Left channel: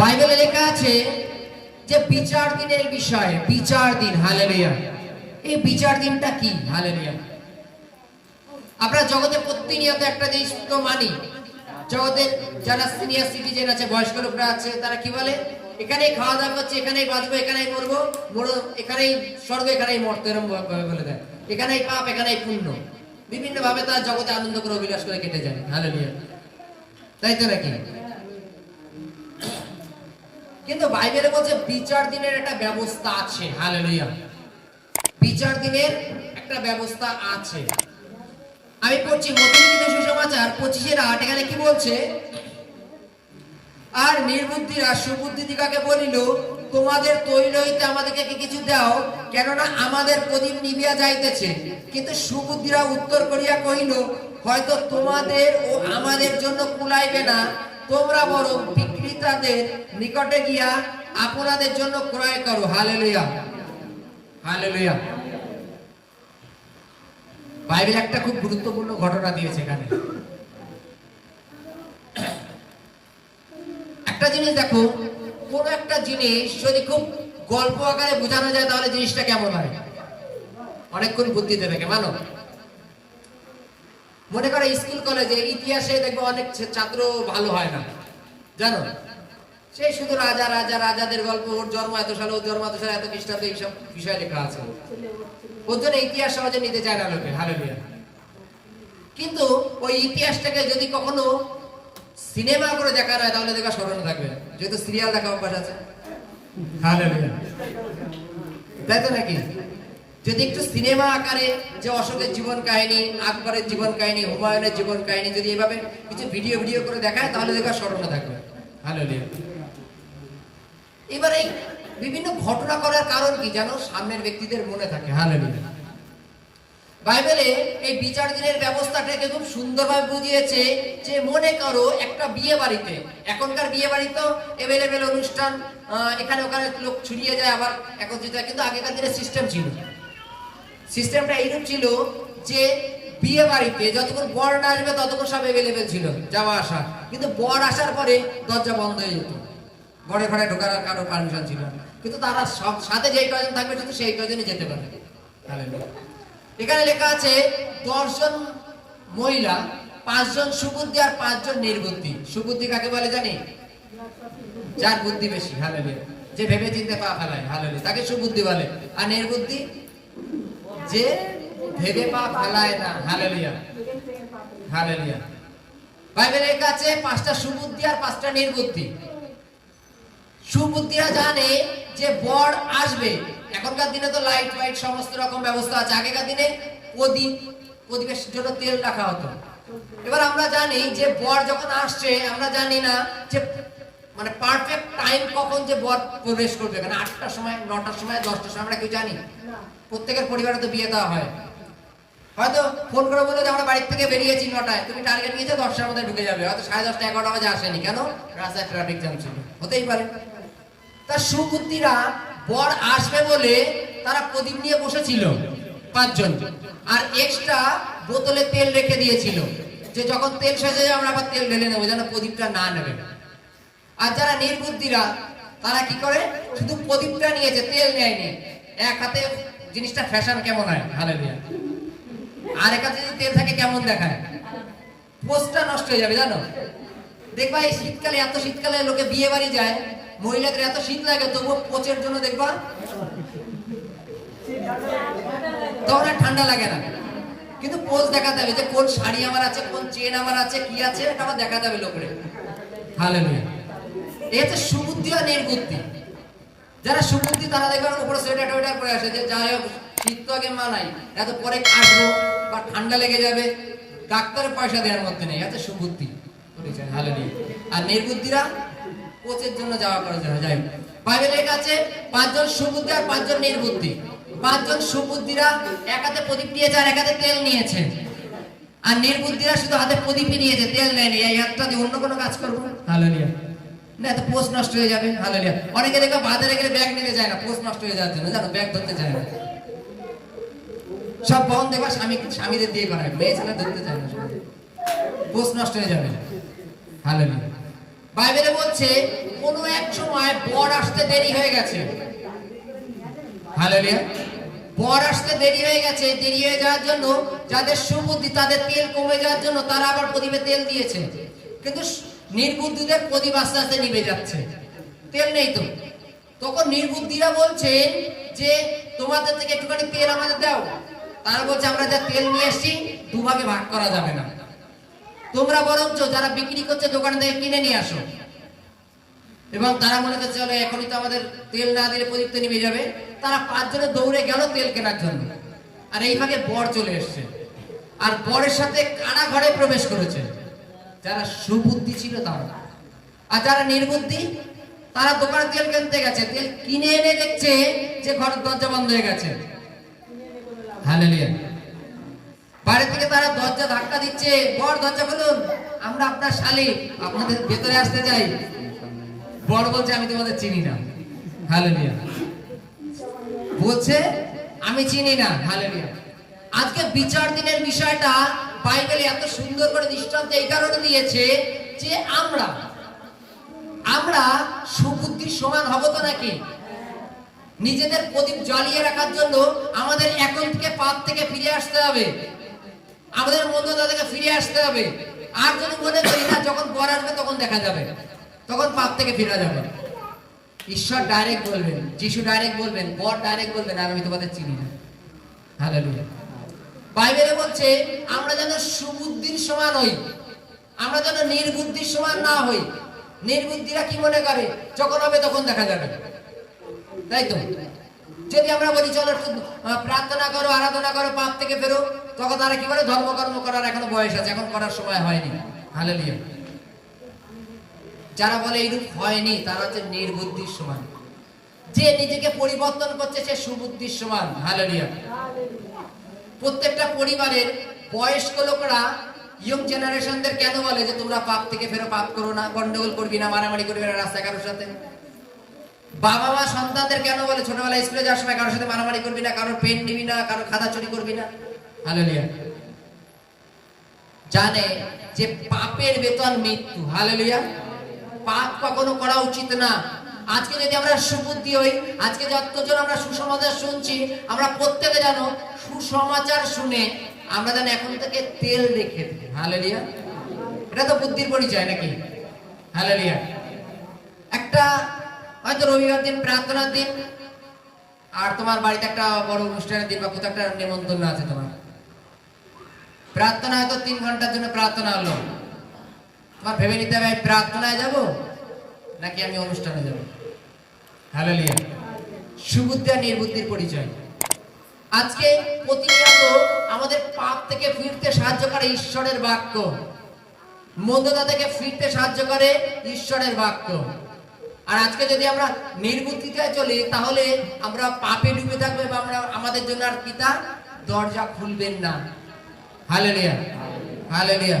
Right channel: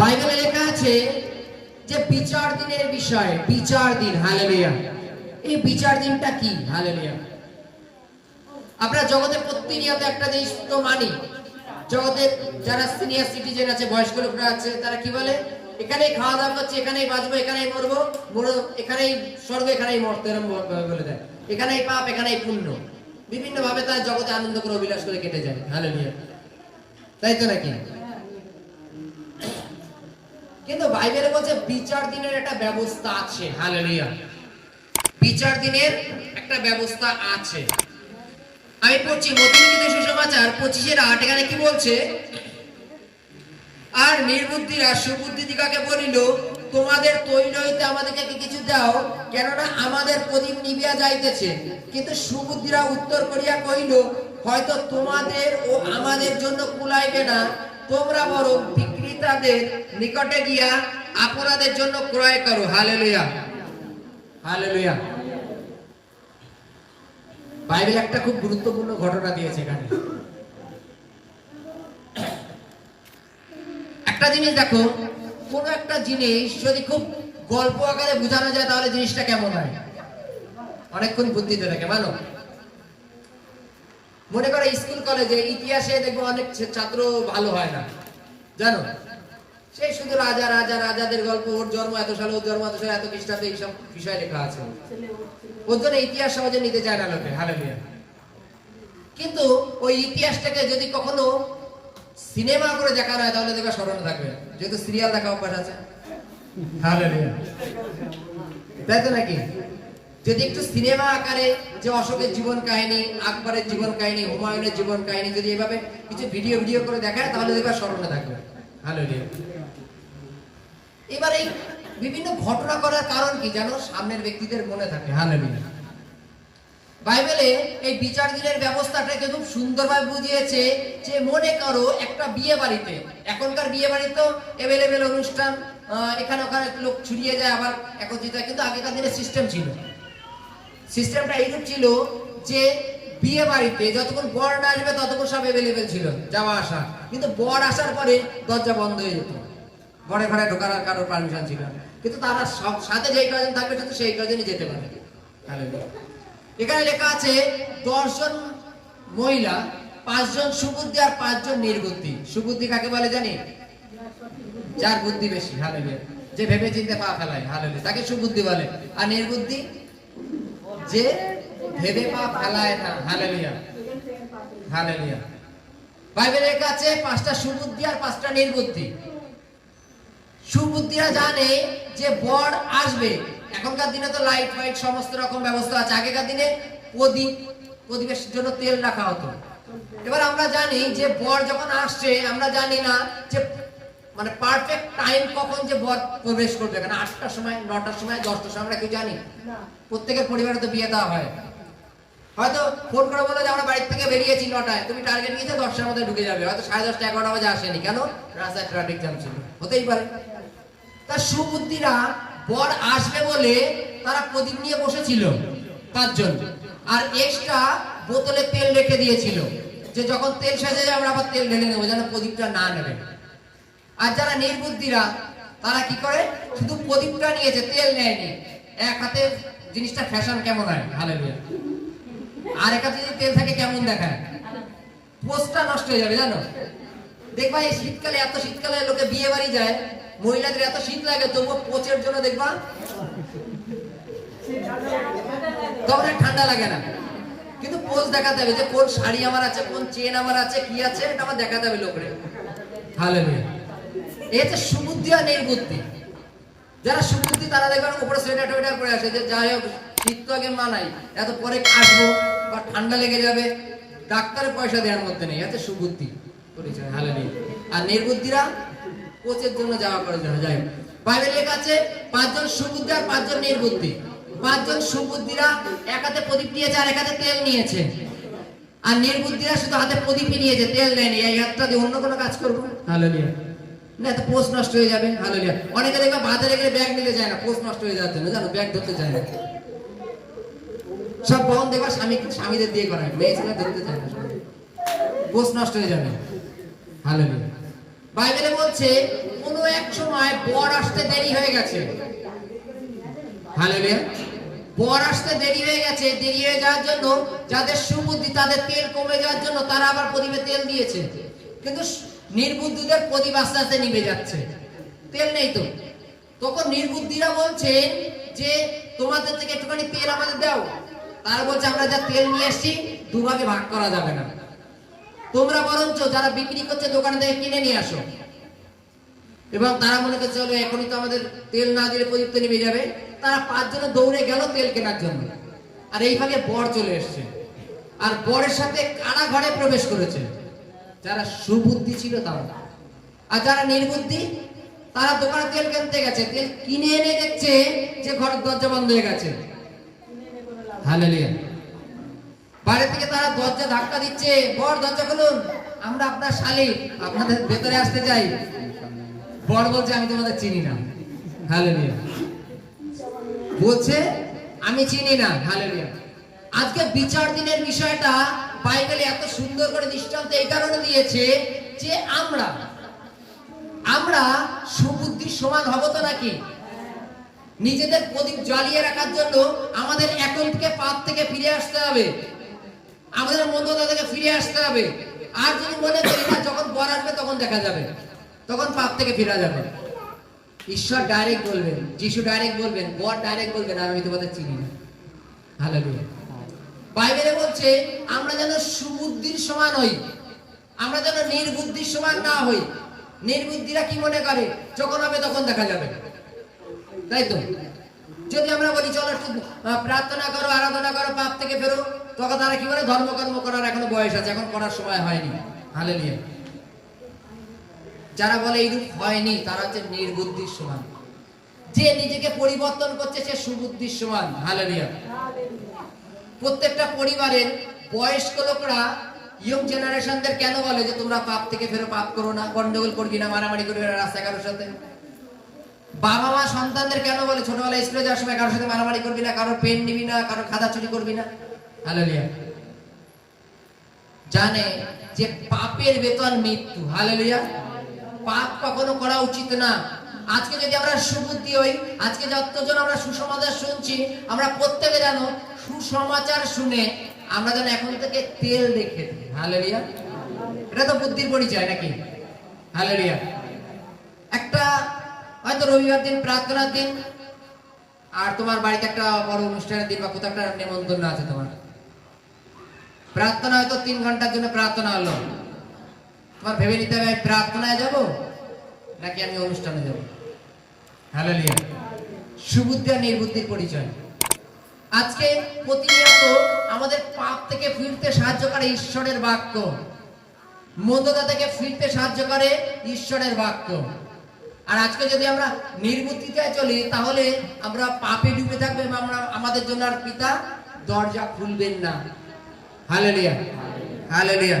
বাইবেলে লেখা আছে যে বিচার দিনের বিষয়ে, বিচার দিন। হালেলুয়া। এই বিচার দিনটা কি? হালেলুয়া। আমরা জগতে প্রতিনিয়ত একটা জিনিস তো মানি, জগতের যারা সিনিয়র সিটিজেন আছে, বয়স্ক লোকরা আছে, তারা কি বলে? এখানেই খাওয়া দাওয়া করছে, এখানেই বাঁচবো, এখানেই মরবো, এখানেই স্বর্গ, এখানেই মর্ত, এরকম বলে দেয়। এখানেই পাপ, এখানেই পুণ্য। বিভিন্ন ভাবে তারা জগতে আনন্দ করে অভিলাষ করে কেটে যায়। হালেলুয়া। তাই তো নাকি? কিন্তু বাইবেলে বলছে বিচার দিনের একটা ব্যবস্থা আছে। হালেলুয়া। বিচার দিনের একটা ব্যবস্থা আছে। আমি পড়ছি মথিলিখিত সুসমাচার 25:8। এখানে কি বলছে? আর নির্বুদ্ধিরা সুবুদ্ধিদিগকে বলিল, তোমাদের তৈল হইতে আমাদেরকে কিছু দাও, কেননা আমাদের প্রদীপ নিভিয়া যাইতেছে। কিন্তু সুবুদ্ধিরা উত্তর করিয়া কহিল, হয়তো তোমাদের ও আমাদের জন্য কুলাইবে না, তোমরা বরং বিক্রেতাদের নিকটে গিয়া আপনাদের জন্য ক্রয় করো। হালেলুয়া। হালেলুয়া। বাইবেল একটা খুব গুরুত্বপূর্ণ ঘটনা দিয়েছে এখানে। একটা জিনিস দেখো, কোন একটা জিনিস যদি খুব গল্প আকারে বোঝানো যায় তাহলে জিনিসটা কেমন হয়? অনেকক্ষণ বুদ্ধিতে থাকে। মানো, মনে করে স্কুল কলেজে ইতিহাসে দেখবো অনেক ছাত্র ভালো হয় না, জানো? সেই শুধু রাজা রাজা রাজাদের গল্প, ওর জন্ম এত সালে, ওর জন্ম এত সালে, এত খ্রিস্টাব্দে, এইসব বিষয় লেখা আছে। ওর জন্য ইতিহাস সহজে নিতে চায় না লোকে। হালেলুয়া। কিন্তু ওই ইতিহাসটাকে যদি কখনো সিনেমা করে দেখানো হয় তাহলে দেখবা স্মরণে থাকবে, যেহেতু সিরিয়াল দেখা অভ্যাস আছে। হালেলুয়া। তাই তো নাকি? যদি একটু সিনেমা আকারে যে অশোকের জীবন কাহিনী, আকবরের জীবন কাহিনী, হুমায়ুনের জীবন কাহিনী যদি এভাবে কিছু ভিডিও করে দেখায় তাহলে দেখবা স্মরণে থাকবে। হালেলুয়া। এবার এই বিভিন্ন ঘটনা করার কারণ কি জানো? সামনের ব্যক্তিদের মনে থাকে। হালেলুয়া। বাইবেলে এই বিচার দিনের ব্যবস্থাটাকে খুব সুন্দরভাবে বুঝিয়েছে যে মনে করো একটা বিয়ে বাড়িতে, এখনকার বিয়ে বাড়িতে এভেলেবেল অনুষ্ঠান, এখানে ওখানে লোক ছড়িয়ে যায়, আবার একত্রিত হয়। কিন্তু আগেকার দিনে সিস্টেম ছিল, সিস্টেমটা এইরূপ ছিল যে বিয়ে বাড়িতে যতক্ষণ বর না আসবে ততক্ষণ সব এভেলেবেল ছিল, যাওয়া আসা। কিন্তু বর আসার পরে দরজা বন্ধ হয়ে যেত, ঘরে ঘরে ঢোকার কারোর পারমিশন ছিল। কিন্তু তারা সব সাথে যেই কয়জন থাকবে শুধু সেই কয়জনই যেতে পারে। এখানে লেখা আছে 10 জন মহিলা, 5 জন সুবুদ্ধি আর 5 জন নির্বুদ্ধি। সুবুদ্ধি কাকে বলে জানি? যার বুদ্ধি বেশি। হালেলুয়া। যে ভেবে চিন্তে পা ফেলায়। হালেলুয়া। তাকে সুবুদ্ধি বলে। আর নির্বুদ্ধি যে ভেবে পা ফেলায় না। হালেলুয়া। হালেলুয়া। বাইবেলে লেখা আছে 5টা সুবুদ্ধি আর 5টা নির্বুদ্ধি। সুবুদ্ধিরা জানে যে বর আসবে। এখনকার দিনে তো লাইট ফাইট সমস্ত রকম ব্যবস্থা আছে, আগেকার দিনে প্রদীপের জন্য তেল রাখা হতো। এবার আমরা জানি যে বর যখন আসছে, আমরা জানি না যে মানে পারফেক্ট টাইম কখন যে বর প্রবেশ করবে। কারণ 8টার সময়, 9টার সময়, 10টার সময় আমরা কেউ জানি না। প্রত্যেকের পরিবারে তো বিয়ে দেওয়া হয়। হয়তো ফোন করে বলে যে আমরা বাড়ি থেকে বেরিয়েছি 9টায়, তুমি টার্গেট নিয়েছো 10টার মধ্যে ঢুকে যাবে। হয়তো 10:30 11টা বাজে আসেনি, কেন? রাস্তায় ট্রাফিক জ্যাম ছিল, হতেই পারে। তার সুবুদ্ধিরা বর আসবে বলে তারা প্রদীপ নিয়ে বসেছিল 5 জন, আর এক্সট্রা বোতলে তেল রেখে দিয়েছিল যে যখন তেল শেষ হয়ে যাবে আমরা আবার তেল ঢেলে নেবো, যেন প্রদীপটা না নেবে। আর যারা নির্বুদ্ধিরা তারা কি করে? শুধু প্রদীপটা নিয়েছে, তেল নেয়নি। এক হাতে জিনিসটা ফ্যাশন কেমন হয়? হালেলুয়া। আর এক হাতে যদি তেল থাকে কেমন দেখায়? পোস্টটা নষ্ট হয়ে যাবে, জানো? দেখবা এই শীতকালে, এত শীতকালে লোকে বিয়ে বাড়ি যায়, মহিলাদের এত শীত লাগে তবুও পোচের জন্য দেখবা তখন আর ঠান্ডা লাগে না। কিন্তু পোজ দেখাতে হবে যে কোন শাড়ি আমার আছে, কোন চেন আমার আছে, কি আছে, এটা আমার দেখাতে হবে লোকের। হালেলুয়া। এই হচ্ছে সুবুদ্ধি আর নির্বুদ্ধি। যারা সুবুদ্ধি তারা দেখবেন উপরে সোয়েটার টোয়েটার পরে আসে, যে যাই হোক শীত তো আগে মানাই, এত পরে আসবো বা ঠান্ডা লেগে যাবে, ডাক্তারের পয়সা দেওয়ার মধ্যে নেই। এত সুবুদ্ধি পরিচয়। হালেলুয়া। আর নির্বুদ্ধিরা কোচের জন্য যাওয়া করে জন্য যাই। বাইবেলে লেখা আছে 5 জন সুবুদ্ধি আর 5 জন নির্বুদ্ধি। 5 জন সুবুদ্ধিরা এক হাতে প্রদীপ নিয়েছে আর এক হাতে তেল নিয়েছে, আর নির্বুদ্ধিরা শুধু হাতে প্রদীপই নিয়েছে, তেল নেয়নি। এই হাতটা দিয়ে অন্য কোনো কাজ করবো। হালেলুয়া। না তো পোস্ট নষ্ট হয়ে যাবে। হালেলুয়া। অনেকে দেখবা বাজারে গেলে ব্যাগ নিতে যায় না, পোস্ট নষ্ট হয়ে যাওয়ার জন্য, জানো? ব্যাগ ধরতে চায় না। সব বহন দেখবা স্বামীদের দিয়ে করা হয়, মেয়ে ছেলে ধরতে চায় না, পোস্ট নষ্ট হয়ে যাবে। হালেলুয়া। বাইবেলে বলছে কোনো এক সময় বর আসতে দেরি হয়ে গেছে। হালেলুয়া। বর আসতে দেরি হয়ে গেছে, দেরি হয়ে যাওয়ার জন্য যাদের সুবুদ্ধি তাদের তেল কমে যাওয়ার জন্য তারা আবার প্রদীপে তেল দিয়েছে, কিন্তু নির্বুদ্ধিদের প্রদীপ আস্তে আস্তে নিভে যাচ্ছে, তেল নেই তো। তখন নির্বুদ্ধিরা বলছে যে তোমাদের থেকে একটুখানি তেল আমাদের দাও। তারা বলছে আমরা যা তেল নিয়ে আসছি দুভাবে ভাগ করা যাবে না, তোমরা বরঞ্চ যারা বিক্রি করছে দোকান থেকে কিনে নিয়ে আসো। এবং তারা মনে করছে চলো এখনই তো আমাদের তেল না দিলে প্রদীপ তো নিভে যাবে। তারা 5 জনে দৌড়ে গেল তেল কেনার জন্য, আর এই ফাঁকে বর চলে এসছে, আর বরের সাথে কানা ঘরে প্রবেশ করেছে যারা সুবুদ্ধি ছিল তারা। আর যারা নির্বুদ্ধি তারা দোকানে তেল কিনতে গেছে, তেল কিনে এনে দেখছে যে ঘরের দরজা বন্ধ হয়ে গেছে। হালেলুয়া। বাইরে থেকে তারা দরজা ধাক্কা দিচ্ছে, বর দরজা খুলুন, আমরা আপনার শালী, আপনাদের ভেতরে আসতে চাই। বর বলছে আমি তোমাদের চিনি না। হালেলুয়া। বলছে আমি চিনি না। হালেলুয়া। আজকে বিচার দিনের বিষয়টা বাইবেলে এত সুন্দর করে দৃষ্টান্ত এই কারণে দিয়েছে যে আমরা সুবুদ্ধির সমান হব তো নাকি? নিজেদের প্রদীপ জ্বালিয়ে রাখার জন্য আমাদের এখন থেকে পাপ থেকে ফিরে আসতে হবে, আমাদের মন্দতা থেকে ফিরে আসতে হবে। আর যদি মনে করি না যখন বর আসবে তখন দেখা যাবে, তখন পাপ থেকে ফিরে যাবে। ঈশ্বর ডাইরেক্ট বলবেন, যিশু ডাইরেক্ট বলবেন, বর ডাইরেক্ট বলবেন আর আমি তোমাদের চিনি না। হালেলুয়া। বাইবেলে বলছে আমরা যেন সুবুদ্ধির সমান হই, আমরা যেন নির্বুদ্ধির সমান না হই। নির্বুদ্ধিরা কি মনে করে যখন হবে তখন দেখা যাবে, তাই তো? যদি আমরা বলি চলো প্রার্থনা করো, আরাধনা করো, পাপ থেকে ফেরো, তখন তারা কি বলে ধর্মকর্ম করার এখনো বয়স আছে, এখন করার সময় হয়নি। হালেলুয়া। যারা বলে এইরূপ হয়নি তারা হচ্ছে নির্বুদ্ধির সমান। যে নিজেকে পরিবর্তন করছে সে সুবুদ্ধির সমান। হালেলুয়া। প্রত্যেকটা পরিবারের বয়স্ক লোকরা ইয়ং জেনারেশনদের কেন বলে যে তোমরা পাপ থেকে ফেরো, পাপ করো না, গন্ডগোল করবি না, মারামারি করবি না রাস্তায় কারোর সাথে। বাবা মা সন্তানদের কেন বলে ছোটবেলায় স্কুলে যাওয়ার সময় কারোর সাথে মারামারি করবি না, কারোর পেন নিবি না, কারোর খাতা চুরি করবি না। হালেলুয়া। জানে যে পাপের বেতন মৃত্যু। হালেলুয়া। পাপ কখনো করা উচিত না। আজকে যদি আমরা সুবুদ্ধি হই, আজকে যতজন আমরা সুসমাচার শুনছি, আমরা প্রত্যেকে জানো সুসমাচার শুনে আমরা যেন এখন থেকে তেল রেখে দিই। হালেলুয়া। এটা তো বুদ্ধির পরিচয় নাকি? হালেলুয়া। একটা হয়তো রবিবার দিন প্রার্থনার দিন, আর তোমার বাড়িতে একটা বড় অনুষ্ঠানের দিন বা কোথাও একটা নেমন্তন্ন আছে, তোমার প্রার্থনা হয়তো 3 ঘন্টার জন্য প্রার্থনা হলো। তোমার ভেবে নিতে হবে আমি প্রার্থনায় যাব নাকি আমি অনুষ্ঠানে যাব। হালেলুয়া। সুবুদ্ধি আর নির্বুদ্ধির পরিচয়। আজকে প্রতিনিয়ত আমাদের পাপ থেকে ফিরতে সাহায্য করে ঈশ্বরের বাক্য, মন্দতা থেকে ফিরতে সাহায্য করে ঈশ্বরের বাক্য। আর আজকে যদি আমরা নির্বুদ্ধিতে চলি তাহলে আমরা পাপে ডুবে থাকবো এবং আমরা আমাদের জন্য আর পিতা দরজা খুলবেন না। হালেলুয়া। হালেলুয়া।